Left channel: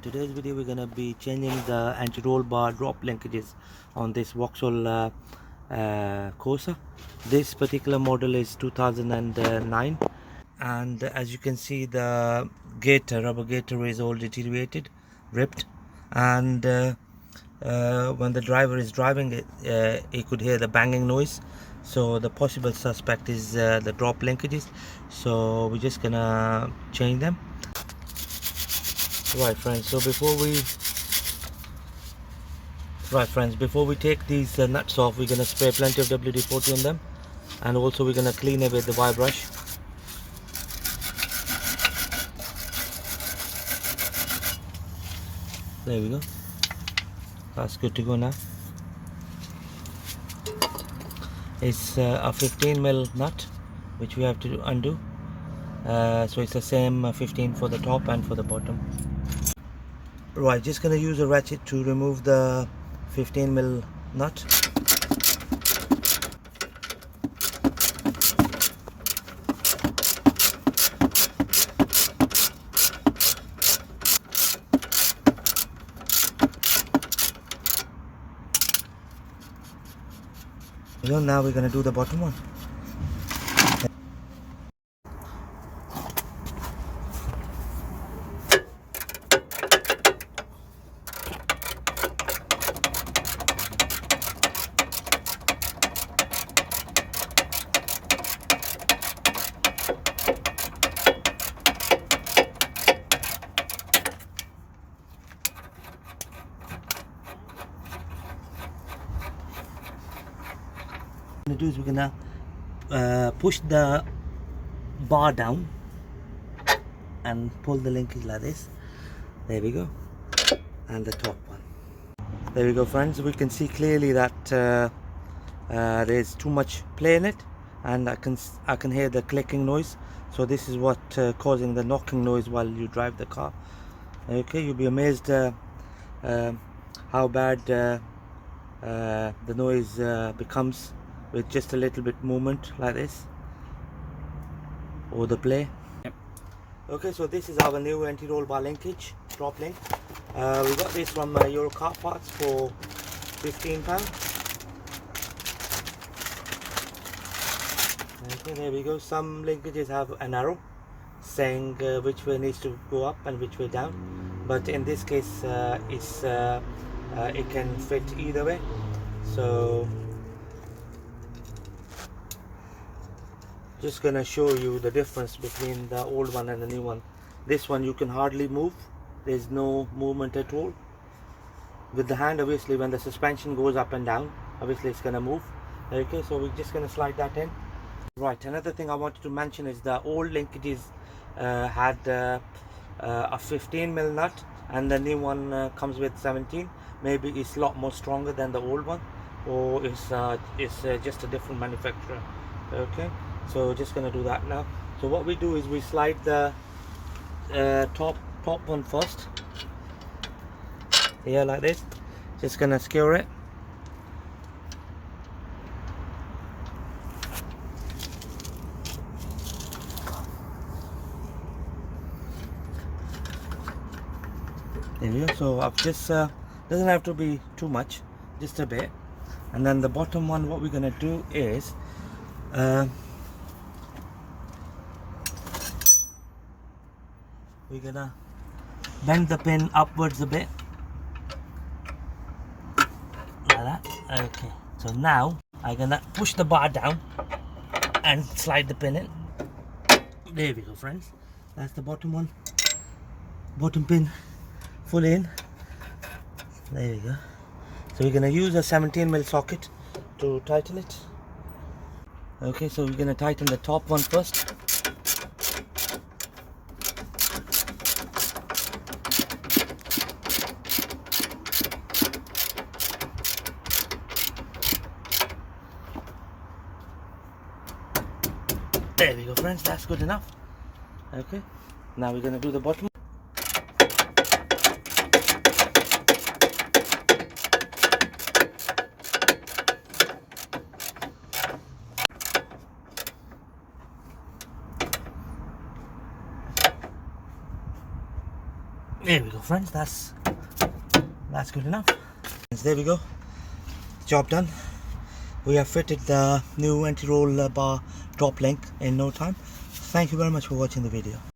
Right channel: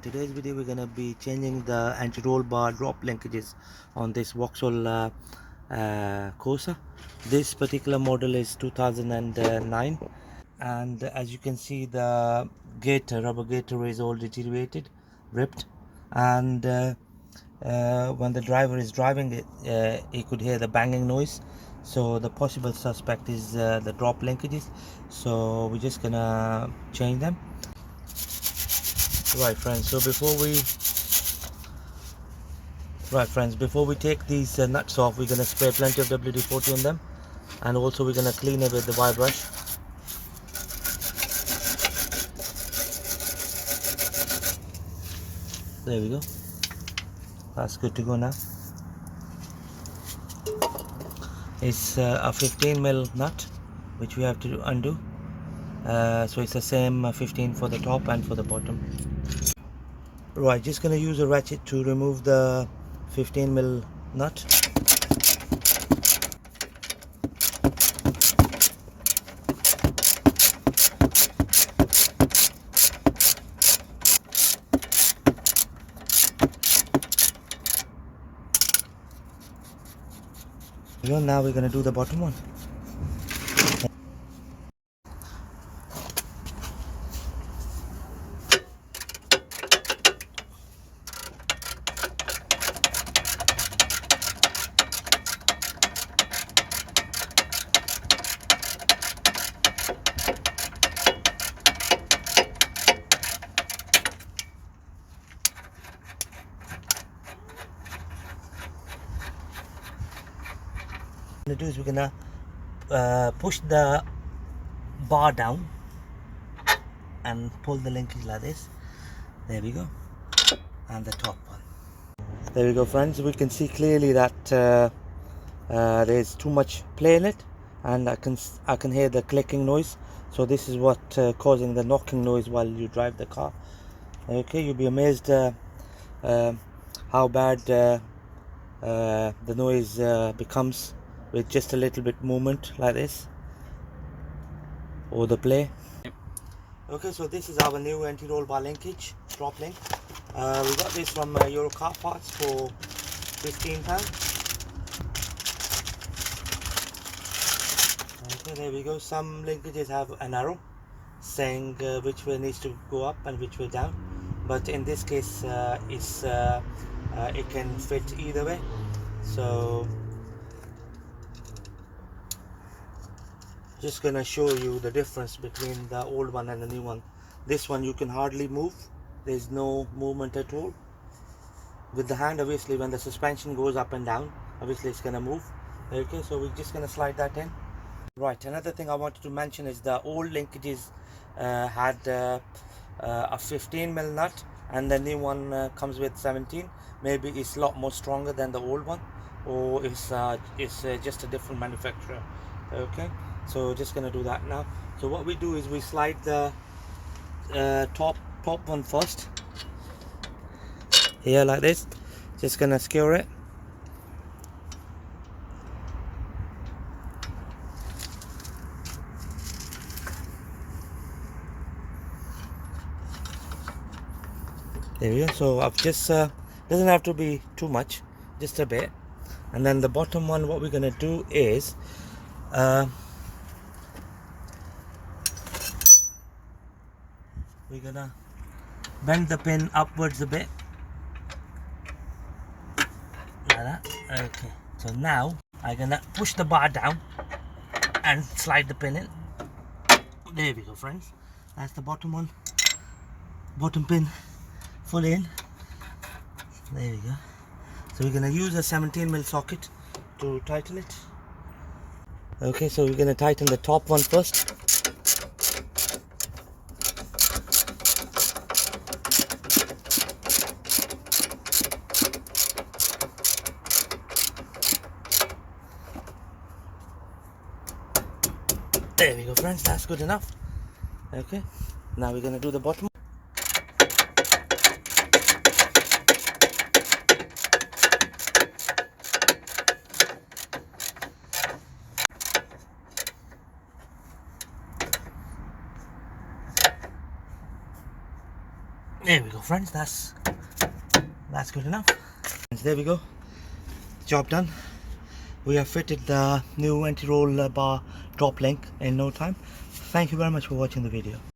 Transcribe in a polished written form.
In today's video we're going to be changing the anti-roll bar drop linkages on this Vauxhall Corsa. This particular model is 2009, and as you can see the rubber gaiter is all deteriorated, ripped, and when the driver is driving it, he could hear the banging noise. So the possible suspect is the drop linkages, so we're just gonna change them. Right friends, before we take these nuts off, we're going to spray plenty of WD-40 on them, and also we're going to clean it with the wire brush. There we go, that's good to go now. It's a 15mm nut which we have to undo, so it's the same 15 for the top and for the bottom. Right, just gonna use a ratchet to remove the 15mm nut. Now we're gonna do the bottom one. What we're gonna do is we're gonna push the bar down and pull the linkage like this. There we go, and the top one. There we go friends, we can see clearly that there's too much play in it, and I can hear the clicking noise. So this is what causing the knocking noise while you drive the car. Okay, you'll be amazed how bad the noise becomes with just a little bit movement like this, or the play. Okay, so this is our new anti-roll bar linkage drop link. We got this from Euro Car Parts for £15. Okay, there we go. Some linkages have an arrow saying which way needs to go up and which way down, but in this case it can fit either way. So just gonna show you the difference between the old one and the new one. This one you can hardly move, there's no movement at all. With the hand, obviously when the suspension goes up and down, obviously it's gonna move. Okay, so we're just gonna slide that in. Right, another thing I wanted to mention is the old linkages had a 15mm nut, and the new one comes with 17. Maybe it's a lot more stronger than the old one, or it's just a different manufacturer. Okay, so just gonna do that now. So what we do is we slide the top one first here like this. Just gonna skewer it. There we go. So I've just doesn't have to be too much, just a bit. And then the bottom one, what we're gonna do is we're gonna bend the pin upwards a bit like that. Okay, so now I'm gonna push the bar down and slide the pin in. There we go friends, that's the bottom one, bottom pin full in. There we go. So we're gonna use a 17mm socket to tighten it. Okay, so we're gonna tighten the top one first. There we go friends, that's good enough. Okay, now we're gonna do the bottom. There we go, friends. That's good enough. There we go. Job done. We have fitted the new anti-roll bar drop link in no time. Thank you very much for watching the video.